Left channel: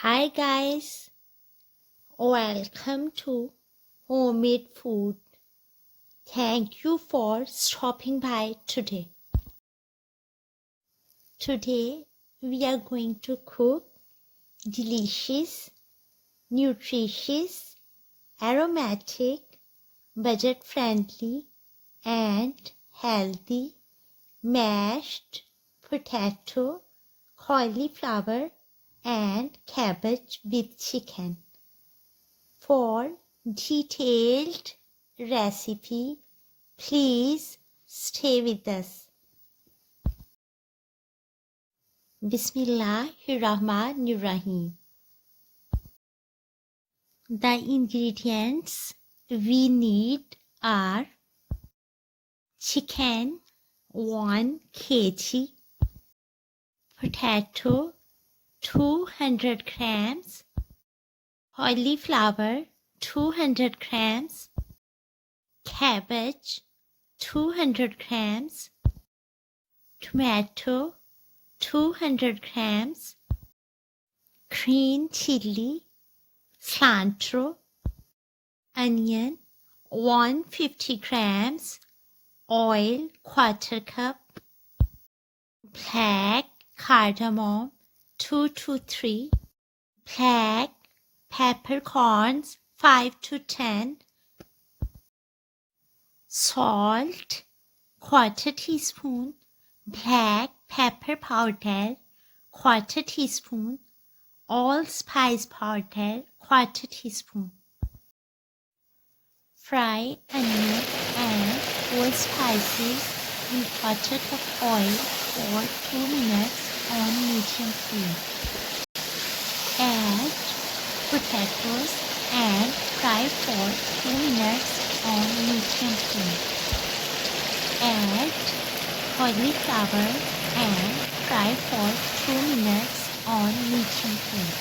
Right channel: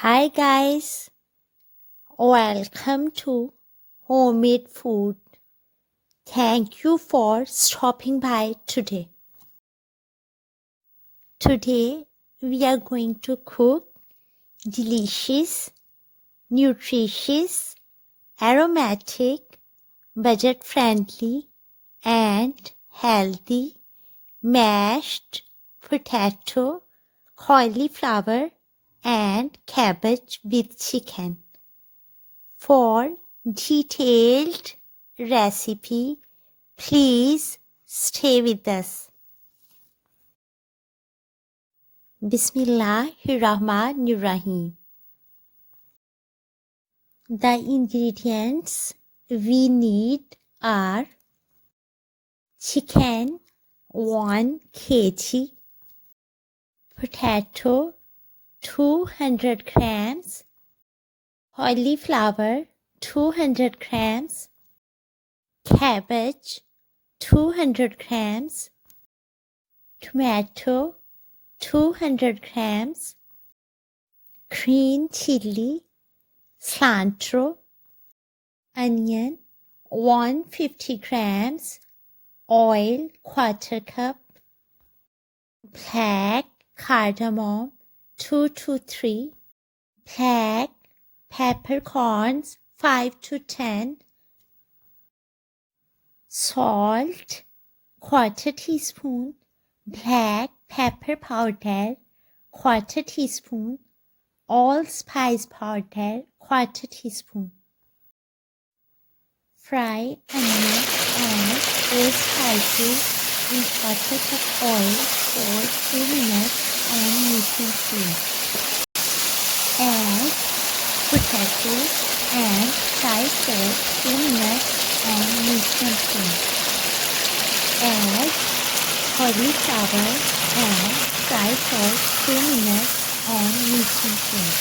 Hi guys, welcome to Homemade Food. Thank you for stopping by today. Today we are going to cook delicious, nutritious, aromatic, budget-friendly and healthy mashed potato, cauliflower and cabbage with chicken. For detailed recipe, please stay with us. Bismillahirrahmanirrahim. The ingredients we need are chicken 1 kg, potato 200 grams, cauliflower 200 grams, cabbage 200 grams, tomato 200 grams, green chili, cilantro, onion 150 grams, oil 1/4 cup, black cardamom 2 to 3, black peppercorns 5 to 10, salt 1/4 teaspoon, black pepper powder 1/4 teaspoon, allspice powder 1/4 teaspoon. Fry onion and all spices in 1/4 cup oil for 2 minutes on medium flame. Add potatoes and fry for 2 minutes on medium flame. Add cauliflower and fry for 2 minutes on medium flame.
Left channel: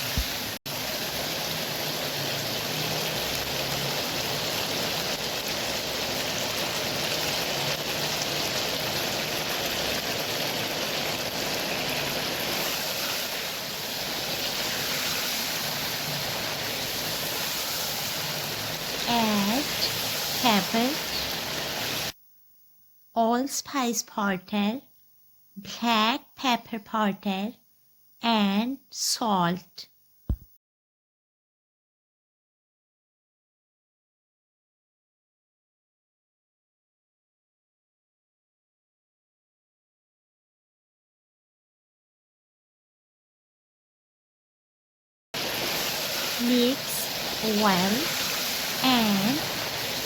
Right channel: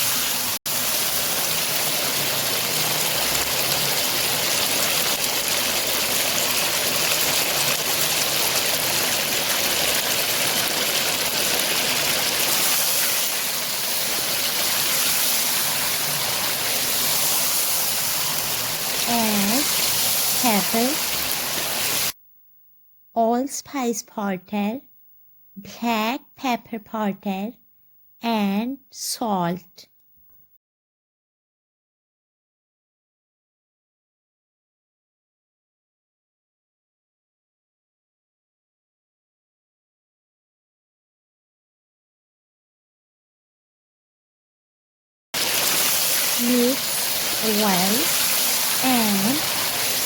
Add cabbage, allspice powder, black pepper powder, and salt. Mix well and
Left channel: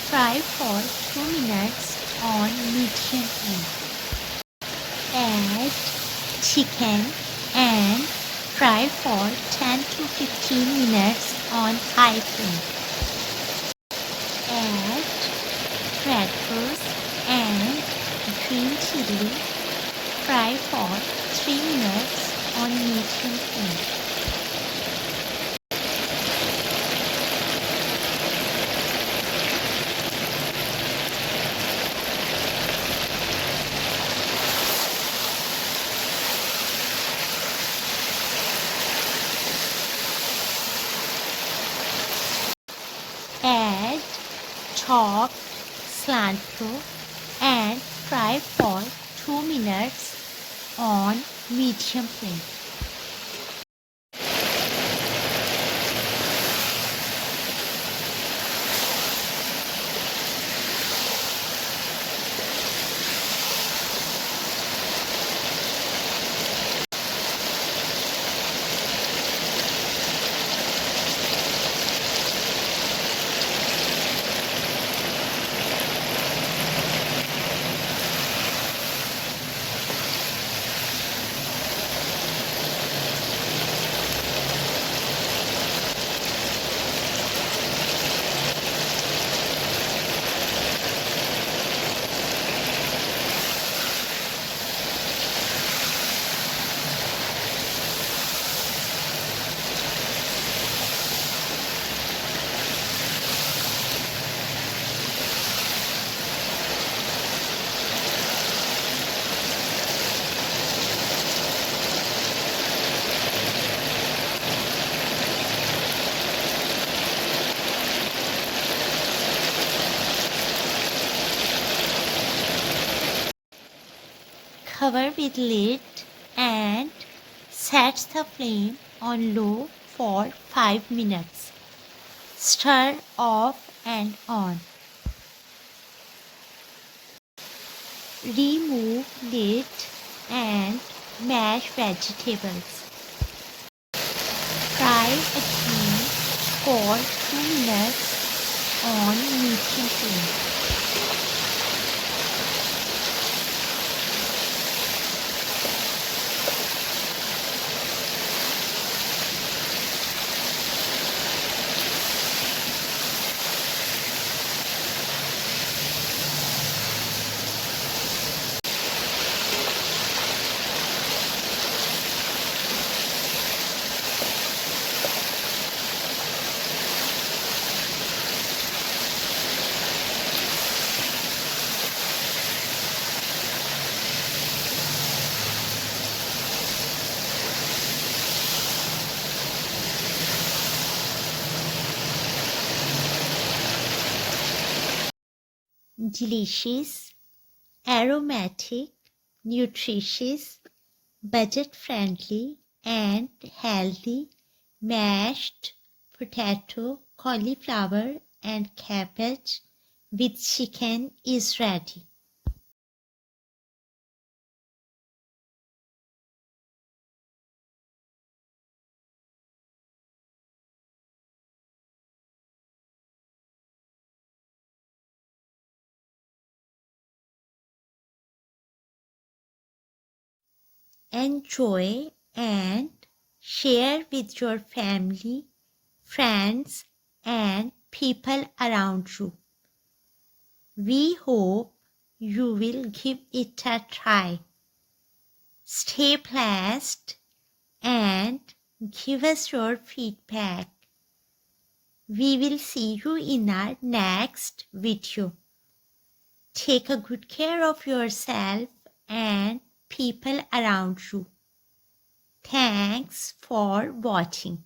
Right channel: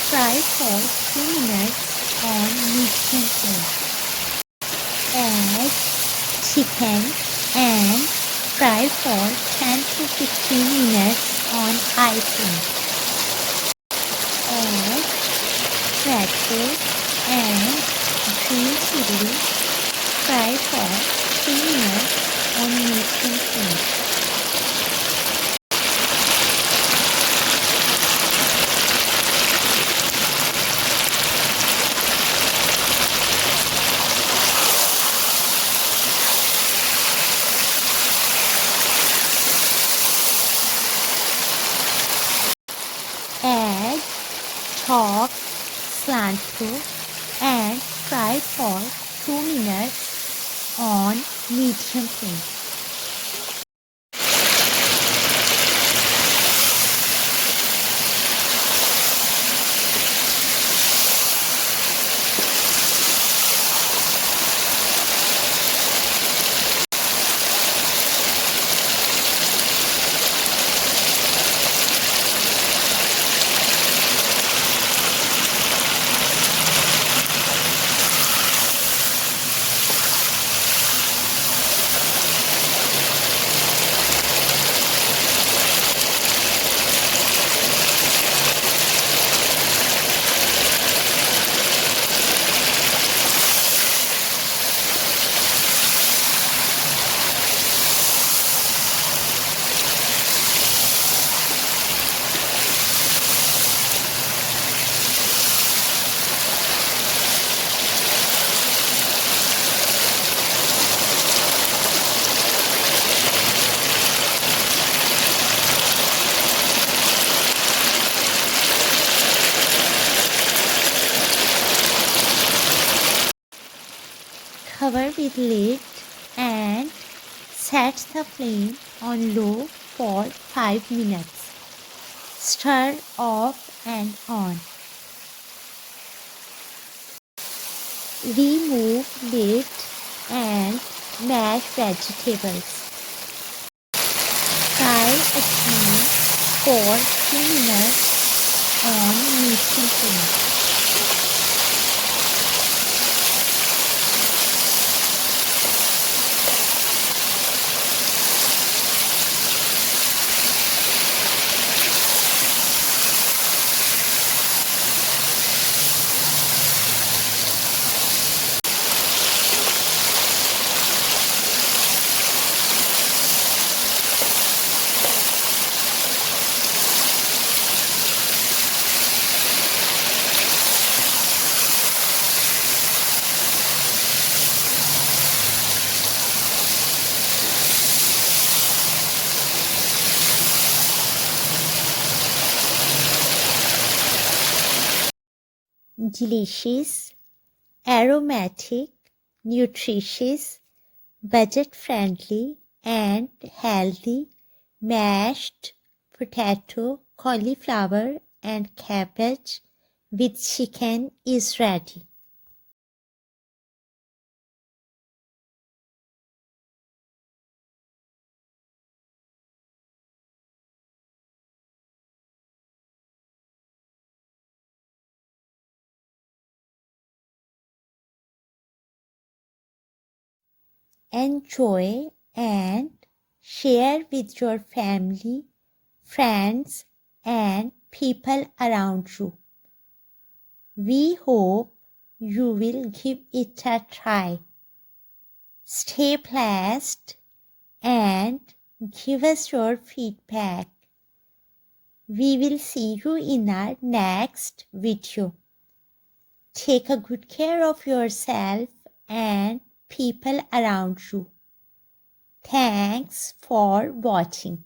fry for 2 minutes on medium flame. Add chicken and fry for 10 to 15 minutes on high flame. Add tomato and green chili. Fry for 3 minutes on medium flame. Add chopped cilantro and fry for 2 minutes on medium flame. Cover with lid and set the flame on low for 5 minutes. Stir off and on. Remove lid and mash vegetables. Fry again for 2 minutes on medium flame. Delicious, aromatic, nutritious, budget-friendly and healthy mashed potato, cauliflower and cabbage with chicken is ready. Enjoy and share with your family, friends and people around you. We hope you will give it a try. Stay blessed and give us your feedback. We will see you in our next video. Take a good care of yourself and people around you. Thanks for watching.